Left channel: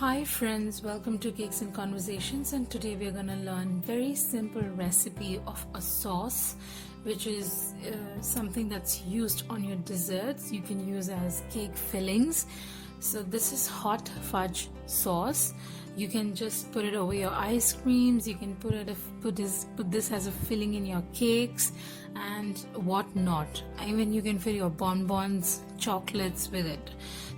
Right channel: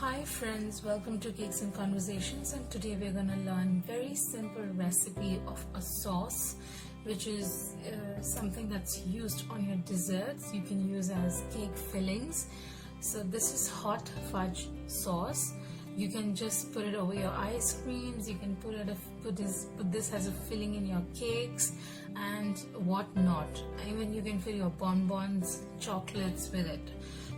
Hi friends, welcome to Cakes and Conversations, and today we are going to learn very simple recipe of a sauce which is something that's used on your desserts. You can use as cake fillings. So this is hot fudge sauce. You can just put it over your ice creams. You can put this as a filling in your cakes and whatnot. Even you can fill your bonbons, chocolates with it.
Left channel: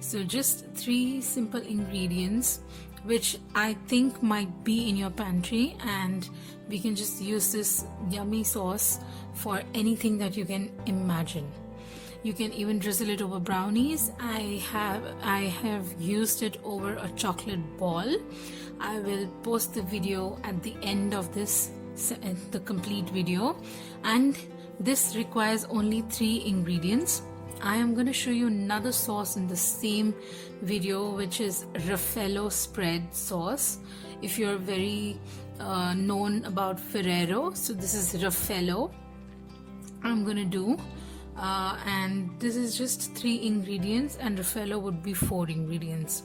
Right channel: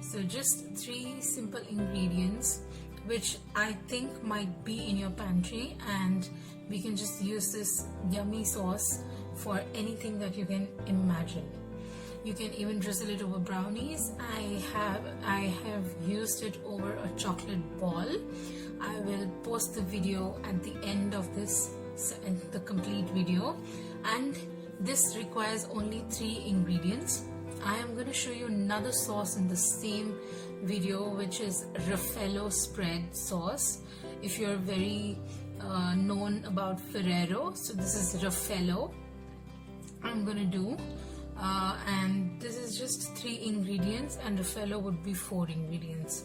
So just 3 simple ingredients which I think might be in your pantry, and we can just use this yummy sauce for anything that you can imagine. You can even drizzle it over brownies. I have used it over a chocolate ball. I will post the video at the end of this, the complete video, and this requires only 3 ingredients. I am going to show you another sauce in the same video, which is Raffaello spread sauce. If you're very known about Ferrero, so this is Raffaello I'm going to do. And this is just 3 ingredients, and Raffaello would be 4 ingredients.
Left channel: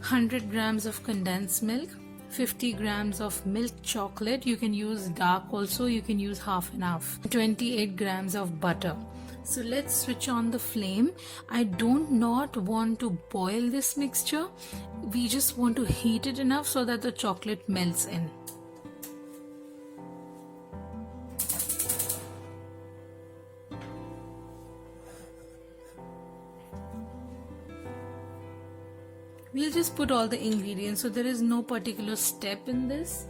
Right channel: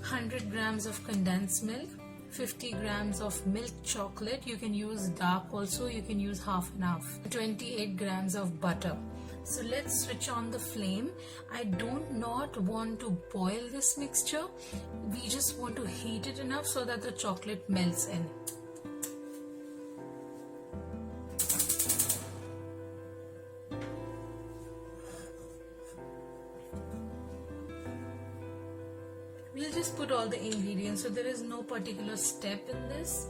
100 grams of condensed milk, 50 grams of milk chocolate. You can use dark also, you can use half and half. 28 grams of butter. So let's switch on the flame. I do not want to boil this mixture. We just want to heat it enough so that the chocolate melts in. We'll just put all the ingredients, so there is no particular step in this.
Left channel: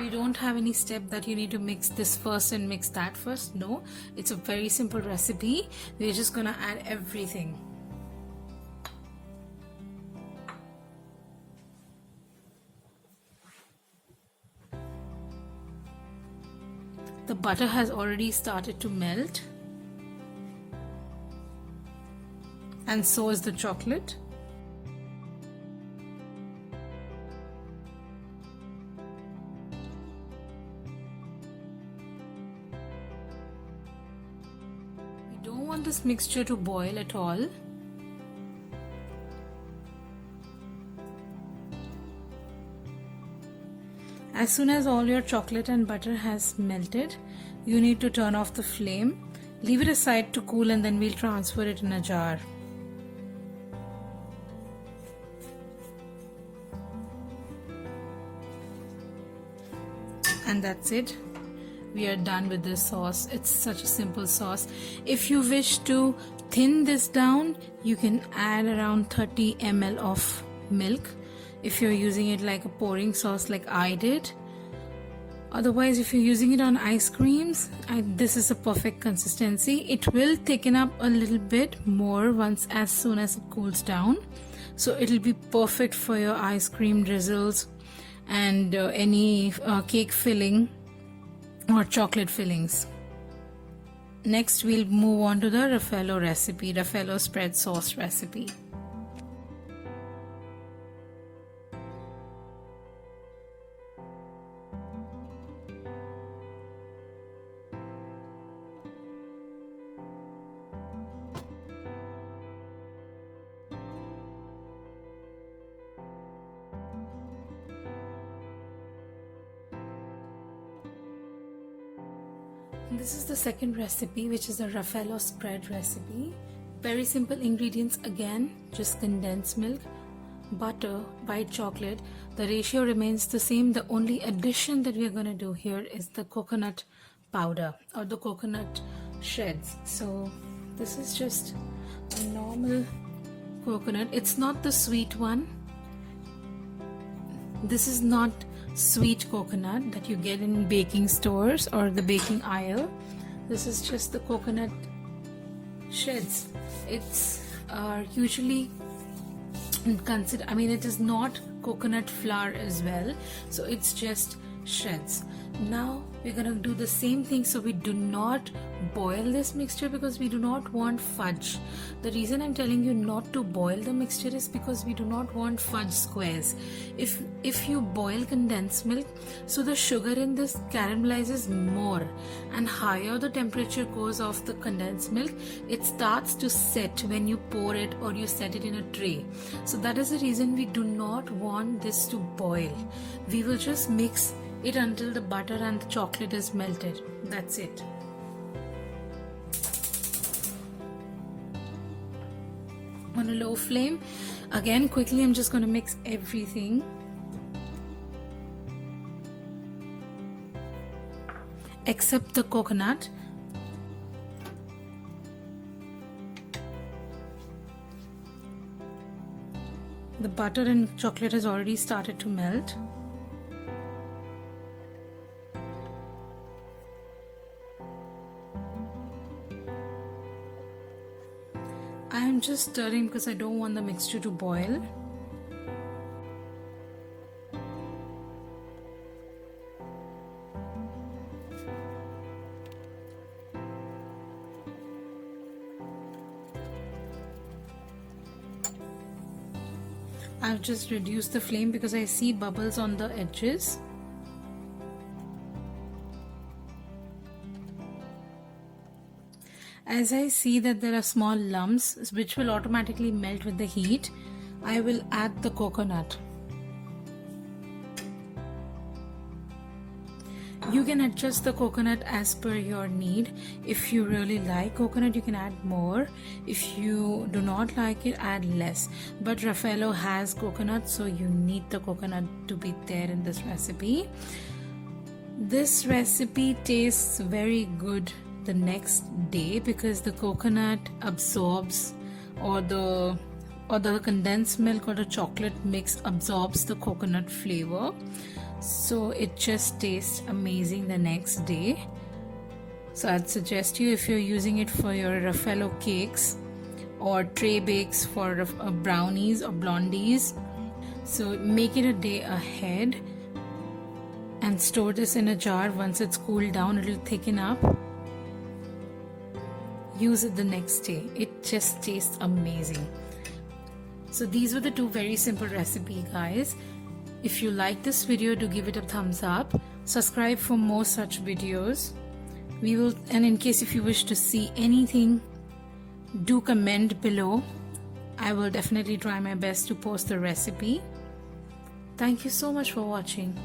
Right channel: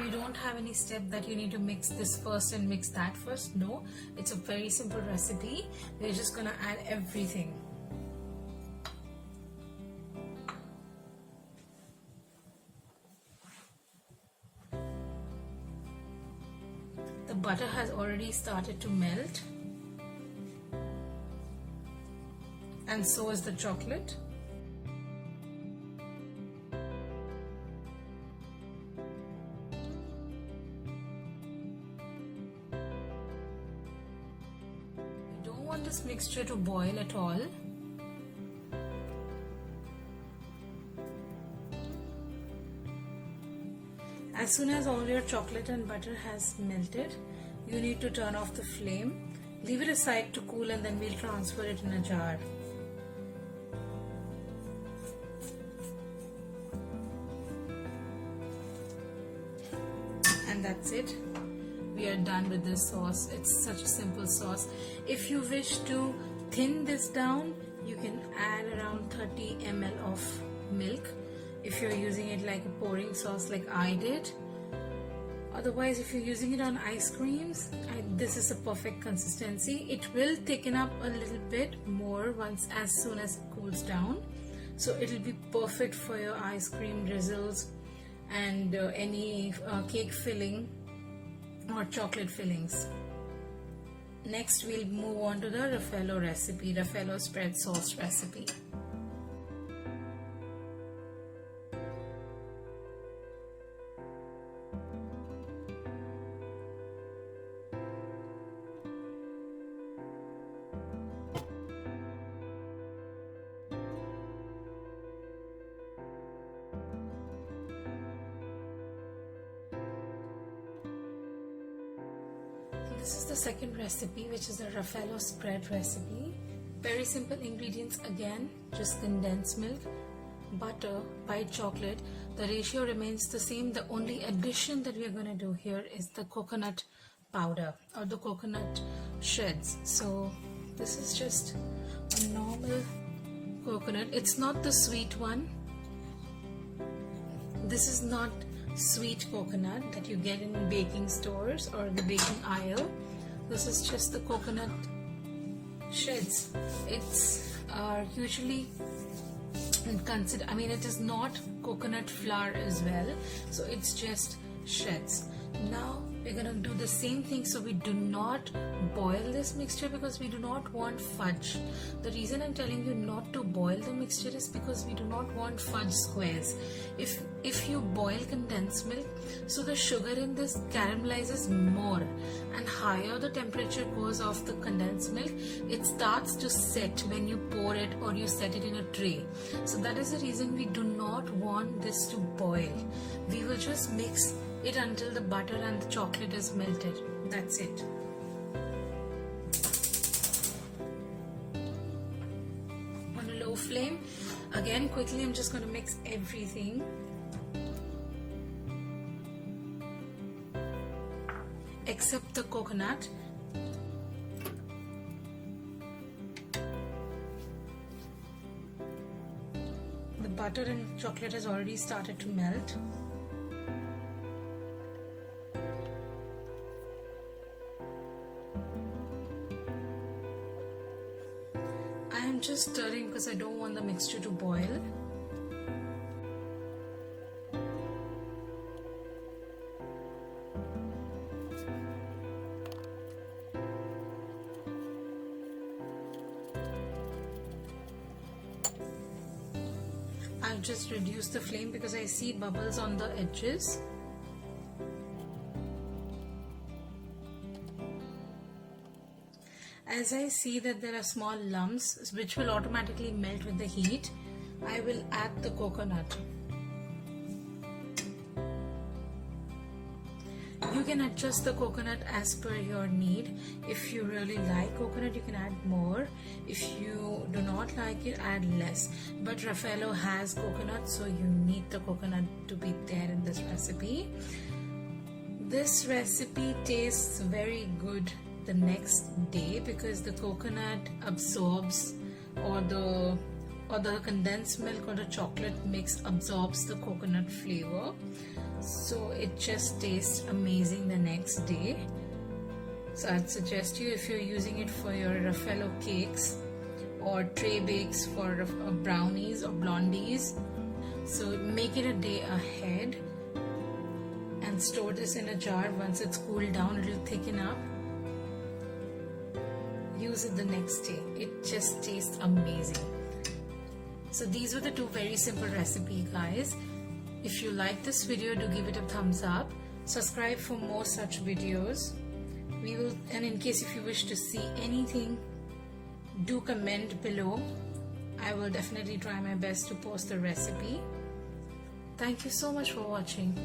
We don't have any step that you need to mix this first and mix that first. No, it's a very simple recipe. We're just gonna add everything. The butter has already started to melt, and so is the chocolate. Don't want this mixture to boil at all. As soon as all your chocolate and butter has melted, you need to turn off the flame, leave it aside to cool, and then we'll transfer it in a jar. And that's it. We are done with this sauce. It's such a simple sauce. If you wish to thin this down, you can add around 30 ml of milk if you're using it like a pouring sauce like I did. Otherwise, if you're using it on ice creams, this is a perfect consistency. It will thicken up a little bit more as soon as it cools down. So it'll be perfect for your ice cream drizzles and any cake filling or chocolate fillings. Next, we'll move on to the Raffaello recipe, Raffaello spread sauce recipe. This is the second recipe, which is a Raffaello spread recipe. Very simple ingredients again, just condensed milk, butter, white chocolate. The ratio remains the same. The only addition that we are going to do here is the coconut powder or the coconut shreds. So this is just a normal coconut. It's not the sweet one. This is not sweet coconut that you get in baking stores or the baking aisle. This is just the coconut shreds. It's usually considered, it is not coconut flour as well, so it's just shreds. Now we're gonna do the same thing. So we do not boil this mixture because we do not want fudge. The reason I'm telling you not to boil the mixture is because we do not want fudge squares. If you boil condensed milk, so the sugar in this caramelizes more, and higher the temperature goes of the condensed milk, it starts to set when you pour it or you set it in a tray. So that is the reason we do not want this to boil. We will just mix it until the butter and the chocolate is melted. That's it. On a low flame. Again, quickly, I'm just going to mix everything. Except the coconut. The butter and chocolate has already started to melt. I am just stirring because I don't want the mixture to boil. I've just reduced the flame because I see bubbles on the edges. As I see that there are small lumps which will automatically melt with the heat, I will add the coconut. You can adjust the coconut as per your need. If you really like coconut, you can add more. If you do not like it, add less. But Raffaello has coconut, so you need the coconut to be there in this recipe. This recipe tastes very good the next day because the coconut absorbs, or the condensed milk or the chocolate mix absorbs the coconut flavor. So it just tastes amazing the next day. So I'd suggest you, if you're using it for your Raffaello cakes or tray bakes for brownies or blondies, so make it a day ahead and store this in a jar. Once it's cooled down, it'll thicken up. Use it the next day. It just tastes amazing. So these were the two very simple recipes, guys. If you like this video, do give it a thumbs up. Subscribe for more such videos. And in case if you wish to see anything, do comment below. I will definitely try my best to post the recipe. Thank you so much for watching.